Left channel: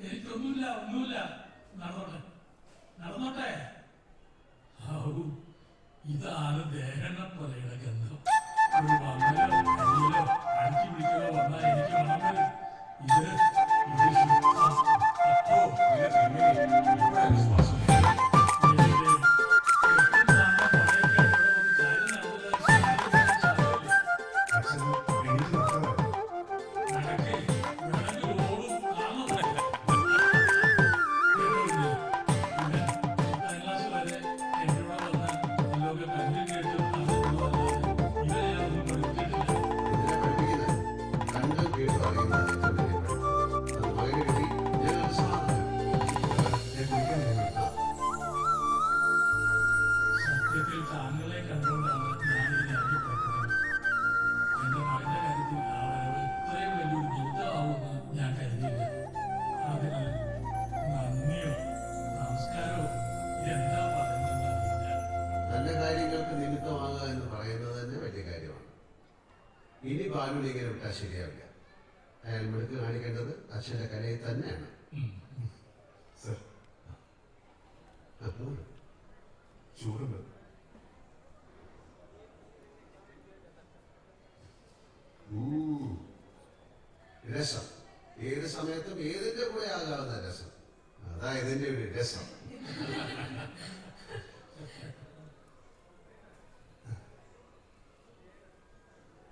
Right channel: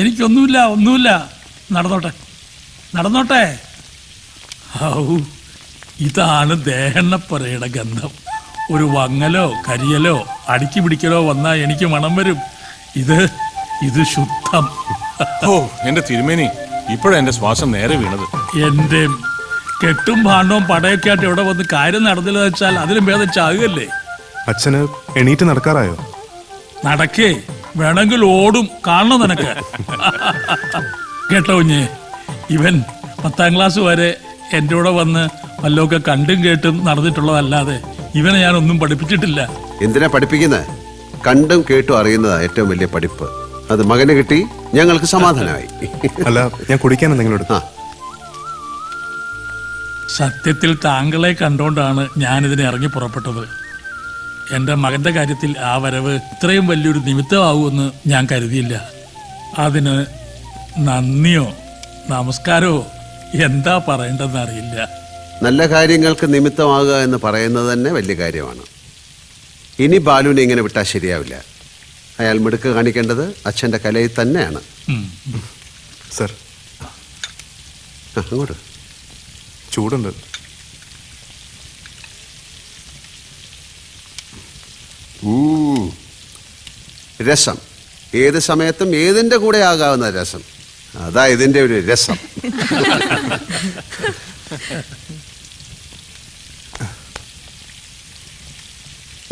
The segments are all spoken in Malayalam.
എനിക്കൊന്നുമില്ല, ഒന്നുമില്ല. നടന്നോട്ടെ നടന്നോട്ടെ. ഔ, ഇതാണ് ദേഹണ്ണപ്പുരയുടെ ഗന്ധം. ഒരു വങ്ങലോ കരിയലോ അടുക്കി പിടിക്കലോ വന്നാൽ എനിക്ക് മണം വരും. ഇത് ശുദ്ധം. ഓ എന്റെ തിരുമേനി, ഇപ്പോഴാ എന്റെ ശ്വാസം നേരെ വീണത്. എന്റെ കെട്ടും ഭാണ്ഡവും പടയൊക്കെ ആയിട്ട് ഇവിടെ വന്ന് കാര്യം നടന്നില്ല വെച്ചാൽ അതിലും ഭേദം ചാകുകയല്ലേ. അച്ഛന് എണീറ്റ് നടക്കാറായോ? നടക്കേ, വേണമെങ്കിൽ ഓടും. കാണണം നിനക്ക്. കേട്ടോ കുഞ്ഞ്, ഇവൻ 10ാം ക്ലാസ് വരെ എൻ്റെ കൂടെ വന്ന് വല്ലതൊക്കെ കണ്ടും കേട്ടും നടന്നിട്ടുള്ളതല്ലാതെ ഇവനെ ഞാൻ ഒന്നും പഠിപ്പിച്ചിട്ടില്ല. എന്തിനാ പഠിപ്പിക്കുന്നത്? കണ്ടും കേട്ടും അറിയുന്നതാ ഏറ്റവും വലിയ പഠിപ്പ്. അത് മകന് കിട്ടി, ഞങ്ങൾക്ക് സമാധാനമായി. അല്ല, ഞാൻ കുടിക്കാൻ എന്തെങ്കിലും എടുത്താ? സത്യത്തിൽ താങ്കളെ കണ്ടുകൊണ്ടാണ് ഞാനിതിനെ ഇറങ്ങി പുറപ്പെട്ടത്. എൻ്റെ മകൻ്റെ കാര്യത്തിൽ ആ വരവ് ഇത്രയും വലിയൊരു നിമിത്തമാവുമെന്ന് ഞാൻ കരുതിയില്ല. അതിന് നന്ദിയോ നമസ്കാരമോ എന്താ പറയേണ്ടതെന്ന് അറിയില്ല. നല്ല കാര്യങ്ങൾക്ക് നിമിത്തമാകുക എന്ന് പറയുന്നത് തന്നെ വലിയ കാര്യമാണ്. ഇനി ബാലുവിനെ ഇങ്ങനെ വിട്ടാൽ ശരിയാവില്ല. അയാൾ മിടുക്ക് കാണിക്കേണ്ടത് അച്ഛൻ്റെ കലയിൽ തന്നെയാണ്. സർ, അങ്ങോട്ട് ചൂടുണ്ട്. രസം ഏത് സമയത്തും ഏതിൻ്റെ കൂടെ ആകാവുന്ന രസം. അതാ ഇതിൻ്റെ ഒരു രസം.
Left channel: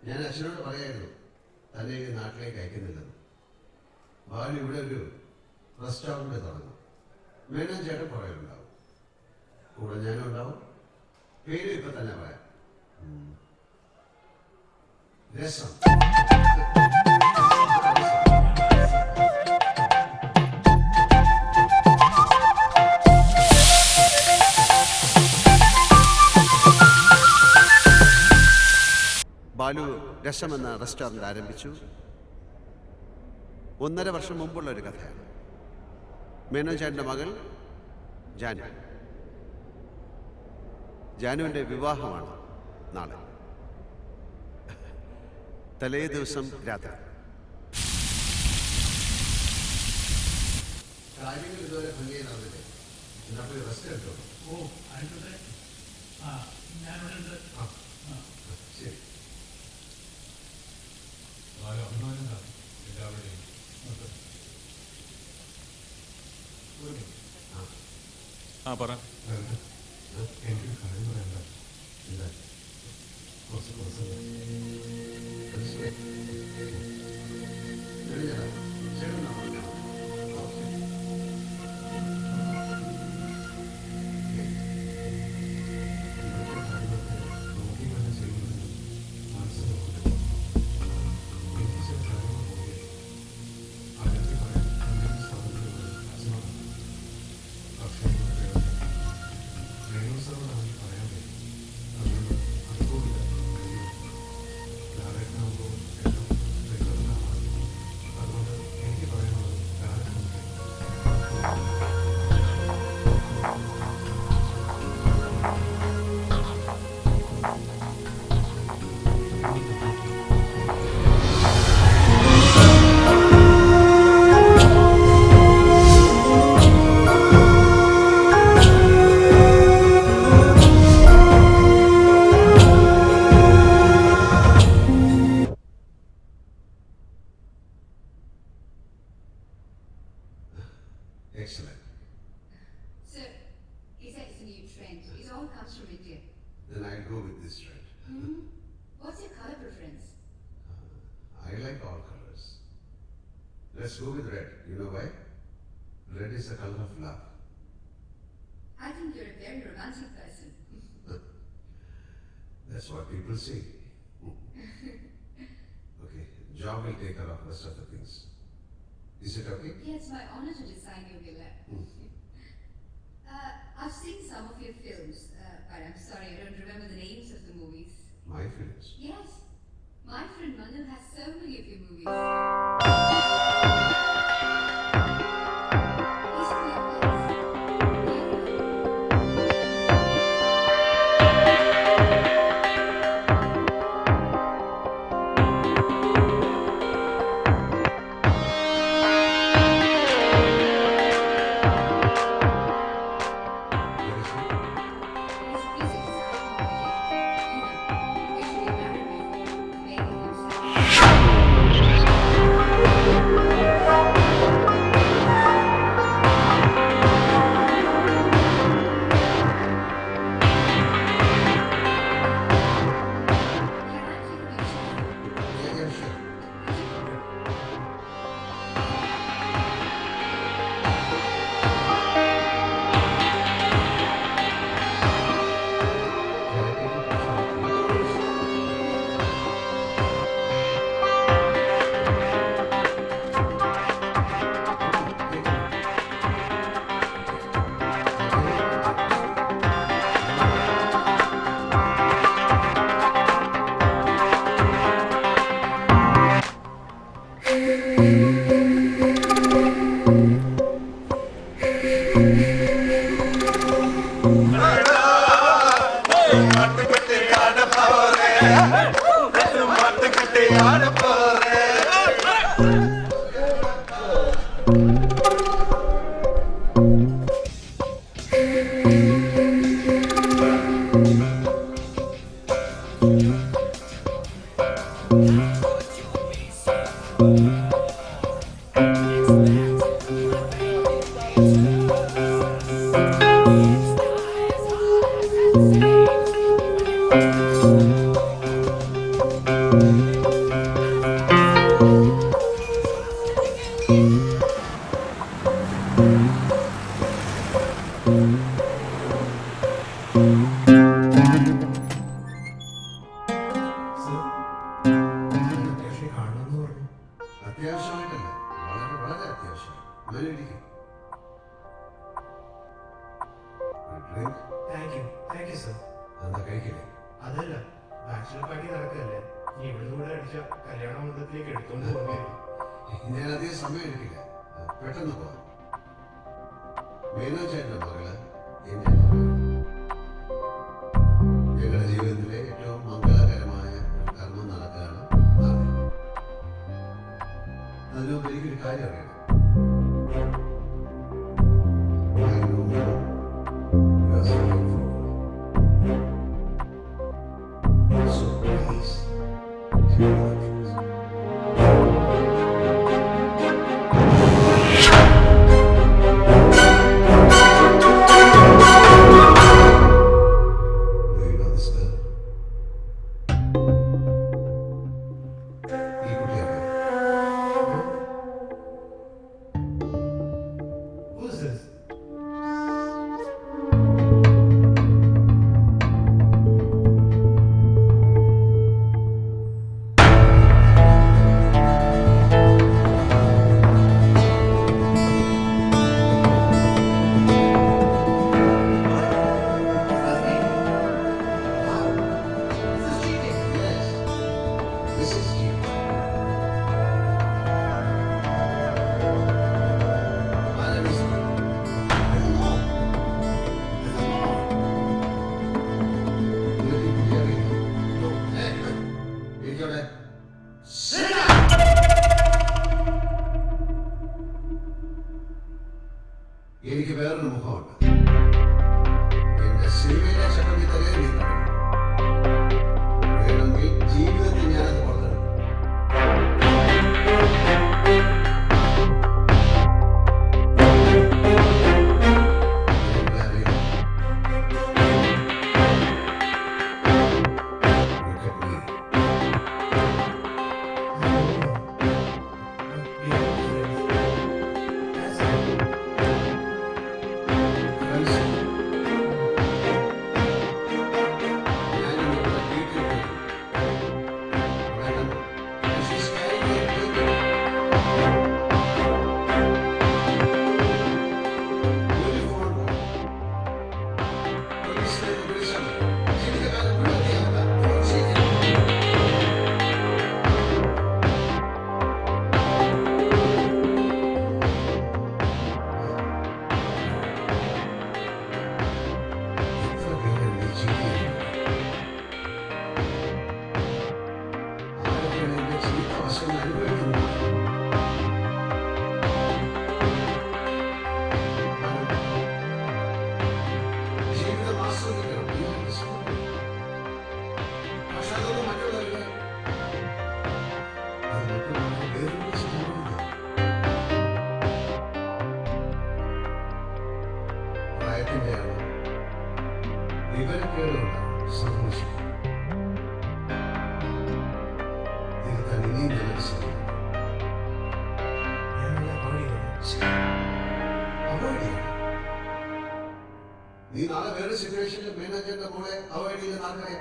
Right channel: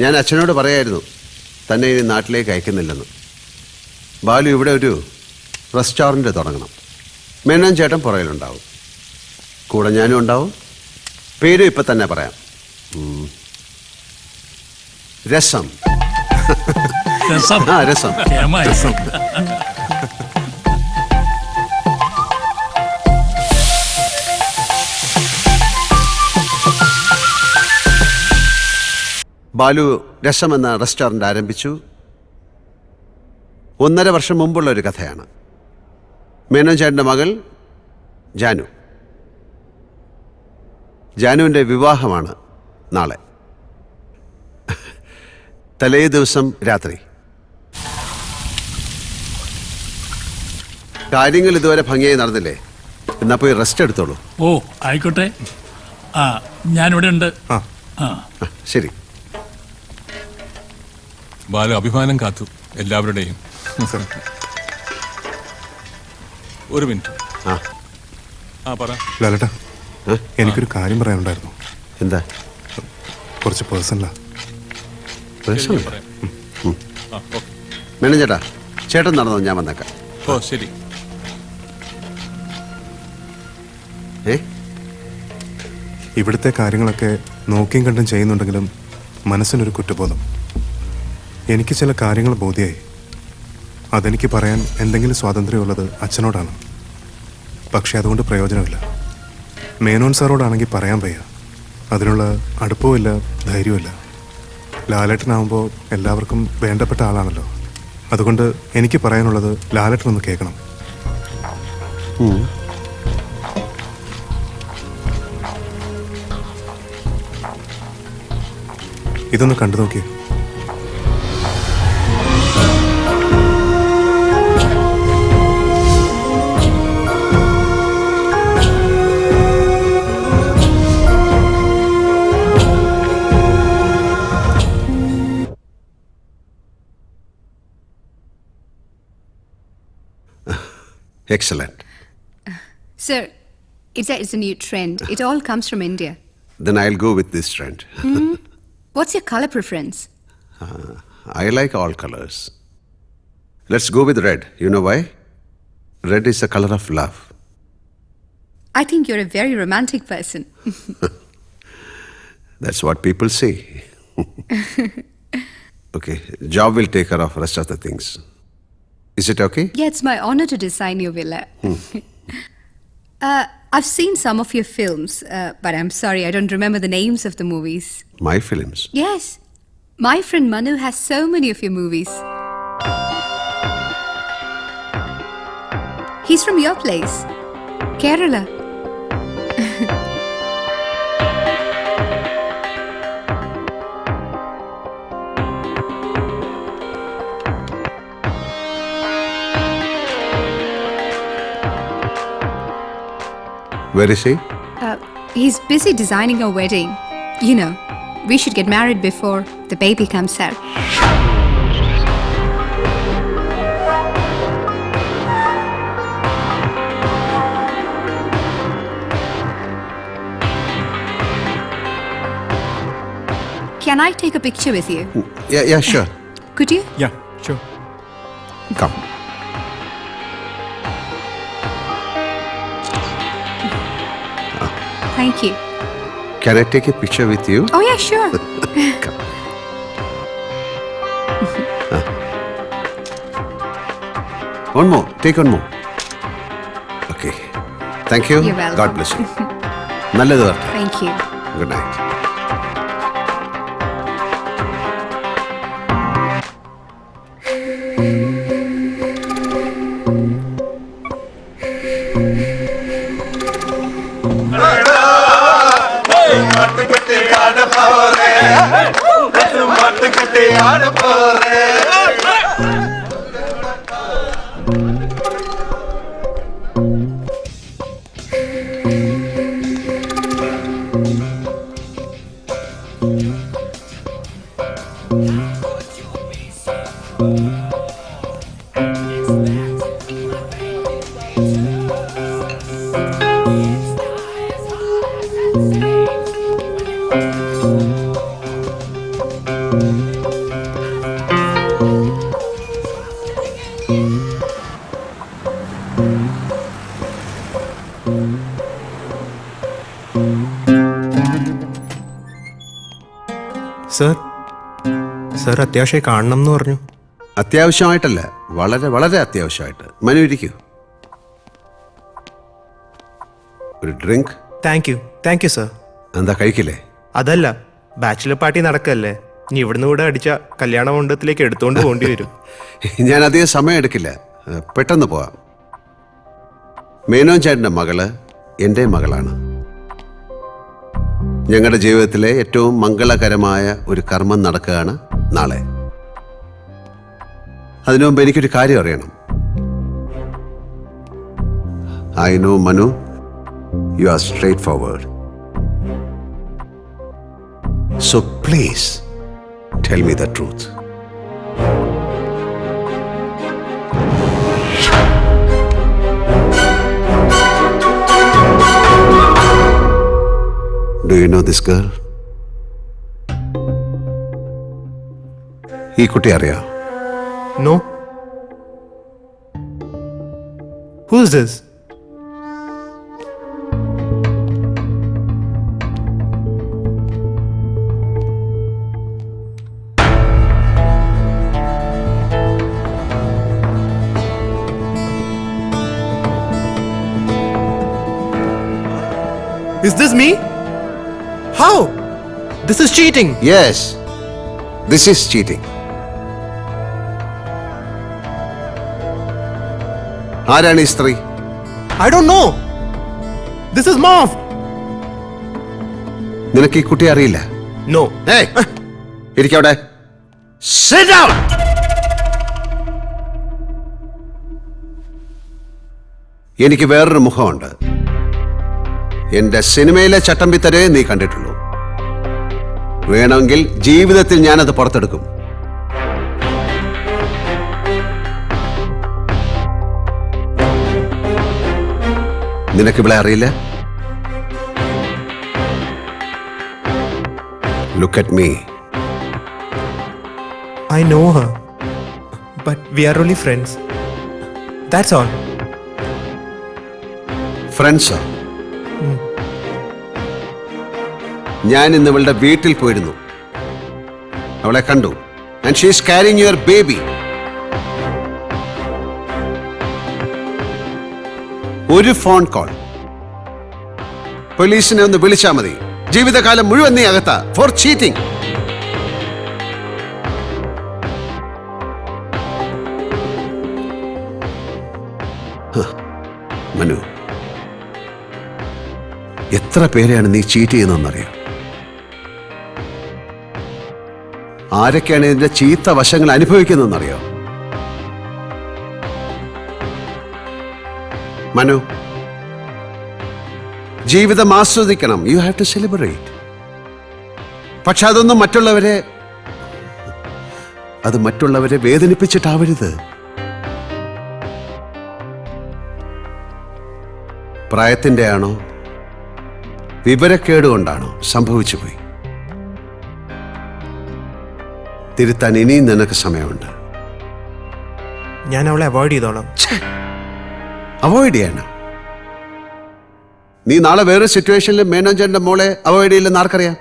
ഞാൻ അച്ഛനോട് പറയായിരുന്നു തന്നെ ഇനി നാട്ടിലേക്ക് അയക്കുന്നില്ലെന്ന്. ബാലു ഇവിടെ ഒരു റെസ്റ്റോറൻറ്റ് തുടങ്ങണം. മേനോൻ ചേട്ടൻ പുറകിലുണ്ടാവും, കൂടെ ഞാനും ഉണ്ടാവും. പേരും ഇപ്പം തന്നെ പറയാം, രസം. ആ, രസം. ബാലു രസം എന്ന റെസ്റ്റോറൻറ്റ് ആരംഭിച്ചു. 1.5 വർഷം മുമ്പുള്ള ഒരു കഥയാണ്. മേനോൻ ചേട്ടൻ്റെ മകൾ ജാനു. ജാനുവിൻ്റെ വിവാഹമാണ് നാളെ. തലേ ദിവസം രാത്രി. കാര്യങ്ങൾ ഇതുവരെ ഭംഗിയായി നടന്നില്ലേ? എന്നാ പോയി റെസ്റ്റ് എടുത്തോളൂ. ഓ ആയിക്കോട്ടെ. ഞാനിവിടെ ഉണ്ട്. ശരി. ബാലു അഭിമാനം കാത്തു എല്ലാവരുടെയും. ഒരു മിനിറ്റ്. പറ ലാലേട്ടാ, എനിക്കൊരു കാര്യം പറയാനുണ്ടായിരുന്നു. എന്താ? കുറച്ച് പേഴ്സണലാ. മേനോൻ ചേട്ടാ, ചേട്ടൻ നടന്നോ, ഞാൻ വന്നേക്കാം. ഓ ശരി. ഇവിടുത്തെ കാര്യങ്ങളൊക്കെ നോക്കിയും കണ്ടും ചെയ്യുന്നുണ്ടെങ്കിലും മനസ്സിനൊരു കുറ്റബോധം. എനിക്ക് ചില കാര്യങ്ങൾ ബോധ്യമായി. അതെനിക്ക് പറയാൻ എന്തെങ്കിലും സ്വാതന്ത്ര്യമുള്ളത് അച്ഛനോടാണ്. പക്ഷെ അതുകൊണ്ട് പ്രയോജനമില്ല. മേനോൻ സാറോടാണെങ്കിൽ പറയാൻ വയ്യ. അതിനുള്ള അടുപ്പവുമില്ല, ധൈര്യമില്ല. ലാലേട്ടനാവുമ്പോൾ എല്ലാവർക്കും വേണ്ടപ്പെട്ട ആളാണല്ലോ. അതുകൊണ്ട് എനിക്ക് പറയാനുള്ളത് ലാലേട്ടനൊന്ന് കേൾക്കണം. ഇതൊന്ന് കണ്ടു നോക്കി. Excellent. Sir, it's a new trend. It all comes from India. Then I'll go with this trend. What's your color preference? I like all colors. Let's go with red. You know why? Red is the color of love. I think you're a very romantic person. That's what people say. Okay, job will take care of rest of the things. Is it okay? Yeah, it's my honor to design your villa. I've seen some of your films, but I'm sorry, I don't remember the names of the movies. My films? Yes. My friend Manu has so many of your movies. He's from your place, Kerala. Where is he? He's busy designing a wedding. You know, we should get married before the baby comes out. Can I take a picture with you? Yeah, sure. Could you? Yeah, sure. Come. Thank you. Can I take a picture with you? Oh, yeah, sure. One more. Take one more. Okay. Thank you. You're welcome. God bless you. നല്ലത് വരട്ടെ. Thank you. Good night. Sir അത്യാവശ്യമായി കാണണം എന്ന് പറഞ്ഞു. അത്യാവശ്യമായിട്ടല്ല, വളരെ വളരെ അത്യാവശ്യമായിട്ട്. മനു ഇരിക്കൂ. ഒരു ഡ്രിങ്ക്. Thank you sir. എന്താ കഴിക്കില്ലേ? അതല്ല, ബാച്ചിലർ പാർട്ടി നടക്കല്ലേ, ഇനി ഇവിടുന്ന് കൂടെ അടിച്ച കല്യാണ മണ്ഡപത്തിലേക്ക് എടുത്തോണ്ട് പോകേണ്ടി വരും. ഞാൻ അധികം സമയം എടുക്കില്ല, പെട്ടെന്ന് പോവാം. മേനോൻ ചേട്ടൻ്റെ മകള് എൻ്റെ മകളാണ്. ഞങ്ങളുടെ ജീവിതത്തിലെ ഏറ്റവും മംഗളകരമായ ഒരു കർമ്മം നടക്കുകയാണ് നാളെ. അതിനു മുമ്പ് എനിക്കൊരു കാര്യം അറിയണം. I know Manu, you are straight forward. So please tell me the truth. Do you know this girl? ഈ കുട്ടി അറിയാം? No. Who is this? Is this me? How? This is cheating. Yes, this is cheating. ആരാണ് ഈ സ്ത്രീ? I don't know. This is Marv. നിനക്ക് ഈ കുട്ടിയെ അറിയില്ല? No. Hey, ഇരിക്കവിടെ. Sit down. എനിക്ക് വേറൊരു മുഖമുണ്ട്. എന്റെ സിനിമയിലെ ചട്ടമ്പിത്തരെ നീ കണ്ടിട്ടുള്ളൂ. വേണമെങ്കിൽ ജീവിതത്തിൽ ഞാനത് പുറത്തെടുക്കും. നിനക്കിവിടെ അറിയില്ല? Look at me. I know her. But we are only friends. That's all. Friends. ഞാൻ ഇന്ന് ഇവളുടെ വീട്ടിൽ പോയിരുന്നു. അവളെ കണ്ടു. And she is carrying your baby. ഒരു ഫോൺ കോൾ, പോലീസിനെ ഒന്ന് വിളിച്ചാൽ മതി. ജീവിതകാലം മുഴുവൻ നീ അകത്താ ഫോർ ചീറ്റിംഗ്. മനു, എത്ര പേരെയാണ് നീ ചീറ്റ് ചെയ്യുന്നതെന്നറിയാം? ആരൊക്കെയാണ് ഇതിന്റെ ചീത്ത വശങ്ങൾ അനുഭവിക്കുന്നതെന്നറിയാം? മനു, ജീവിതം ആസ്വദിക്കണം. You have to celebrate. പക്ഷെ അതൊന്നും മറ്റുള്ളവരെ വേദനിപ്പിച്ചിട്ടാവരുത്. പ്രായത്തിന്റെ ആണോ വിവരക്കേട് കൊണ്ടാണോ സംഭവിച്ചു പോയി. തിരുത്താൻ ഇനിയും നിനക്ക് സമയമുണ്ട്. ഞാൻ അവളെ അവോയ്ഡ് ചെയ്തോളാം. അവോയ്ഡ് ചെയ്യണം. നീ നാളെ വേറെ സിറ്റുവേഷനിൽ മേനോജന്റെ മോളെ അവോയ്ഡ് ചെയ്യില്ലെന്ന് ആർക്കറിയാം?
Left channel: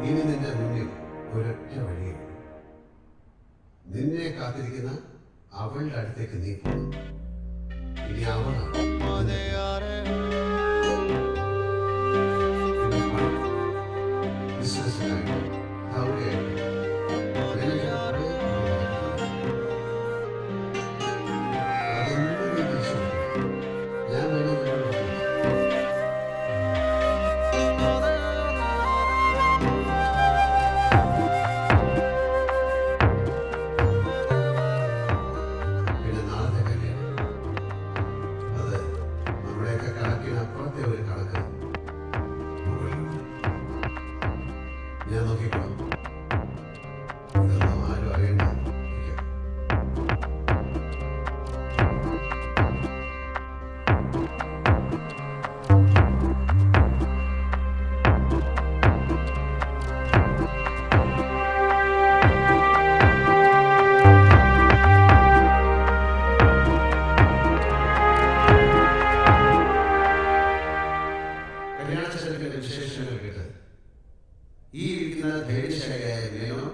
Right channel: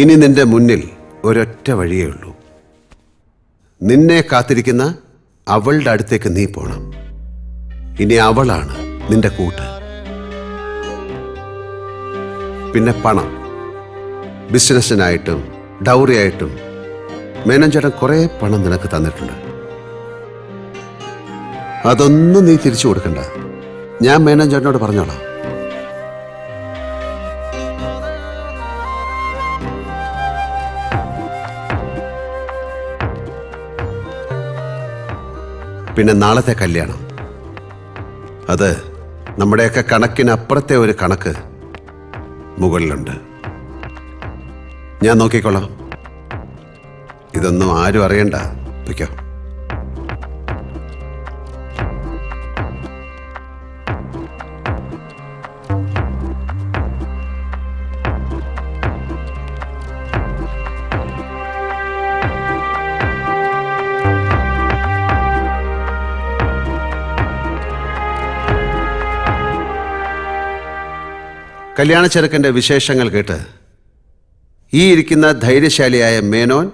ഇനി നിന്റെ മുന്നിൽ ഒരൊറ്റ വഴിയേ ഉള്ളൂ. നിന്നെ കാത്തിരിക്കുന്ന അവളുടെ അടുത്തേക്ക് നീ പോണം. ഇനി അവളാണ് നിന്റെ കൂട്ട്. പിന്നെ പണം, ബിസിനസ്സിനായിട്ടും ഡൗറി ആയിട്ടും മേനോജേട്ടൻ കുറെ പണം നിനക്ക് തന്നിട്ടുണ്ട്. അതൊന്നും നീ തിരിച്ചു കൊടുക്കണ്ട. ഞാൻ മേനോജേട്ടനോട് പറഞ്ഞോളാം. പിന്നെ നാളത്തെ കല്യാണം, അത് നമ്മുടെയൊക്കെ കണക്കിനപ്പുറത്തെ ഒരു കണക്ക് മുകളിലുണ്ട്. ഞാൻ നോക്കിക്കോളാം. ഇതൊന്നും ആരും അറിയണ്ട. വയ്ക്കോ. കല്യാണ ചെറുക്കൻ്റെ വിശേഷങ്ങൾ കേട്ട് ഈ ഇരിക്കുന്ന ധൈര്യശാലിയായ മേനോൻ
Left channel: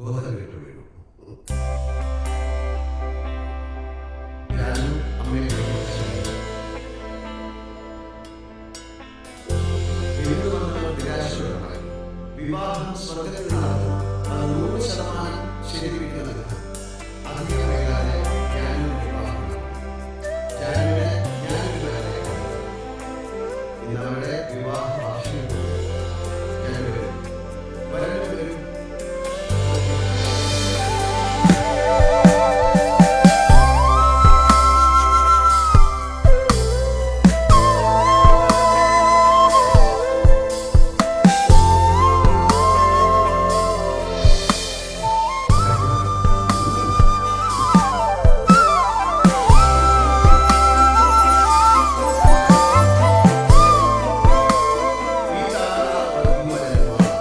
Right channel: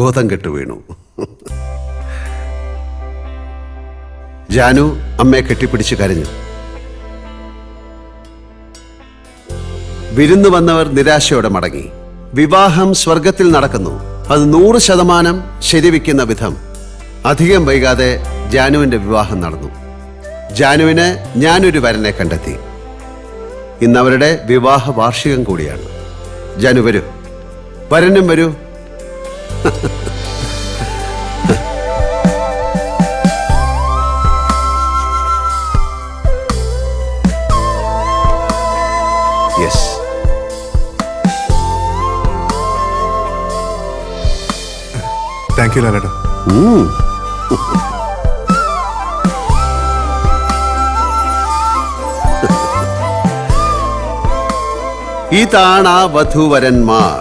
ബോധം കെട്ടു വീണു. ജാനു അമ്മയെ കെട്ടിപ്പിടിച്ച് കരഞ്ഞു. വിരുന്നു വന്നവർ നിരാശയോടെ മടങ്ങി. വിവാഹം സ്വർഗത്തിൽ നടക്കുന്നു. അത് 100% ശരിവയ്ക്കുന്ന വിധം അധികം വൈകാതെ ജാനുവിൻ്റെ വിവാഹം നടന്നു. ജാനുവിന് ഞാനൊരു വരനെ കണ്ടെത്തി. ഇന്നവരുടെ വിവാഹ വാർഷികം കൂടിയാണ്. ജാനു വരൂ, വരനും വരൂ. യെസ്, താങ്ക് യു ലാലേട്ടാ. ഇതാണ് ആ വധൂവരന്മാർ.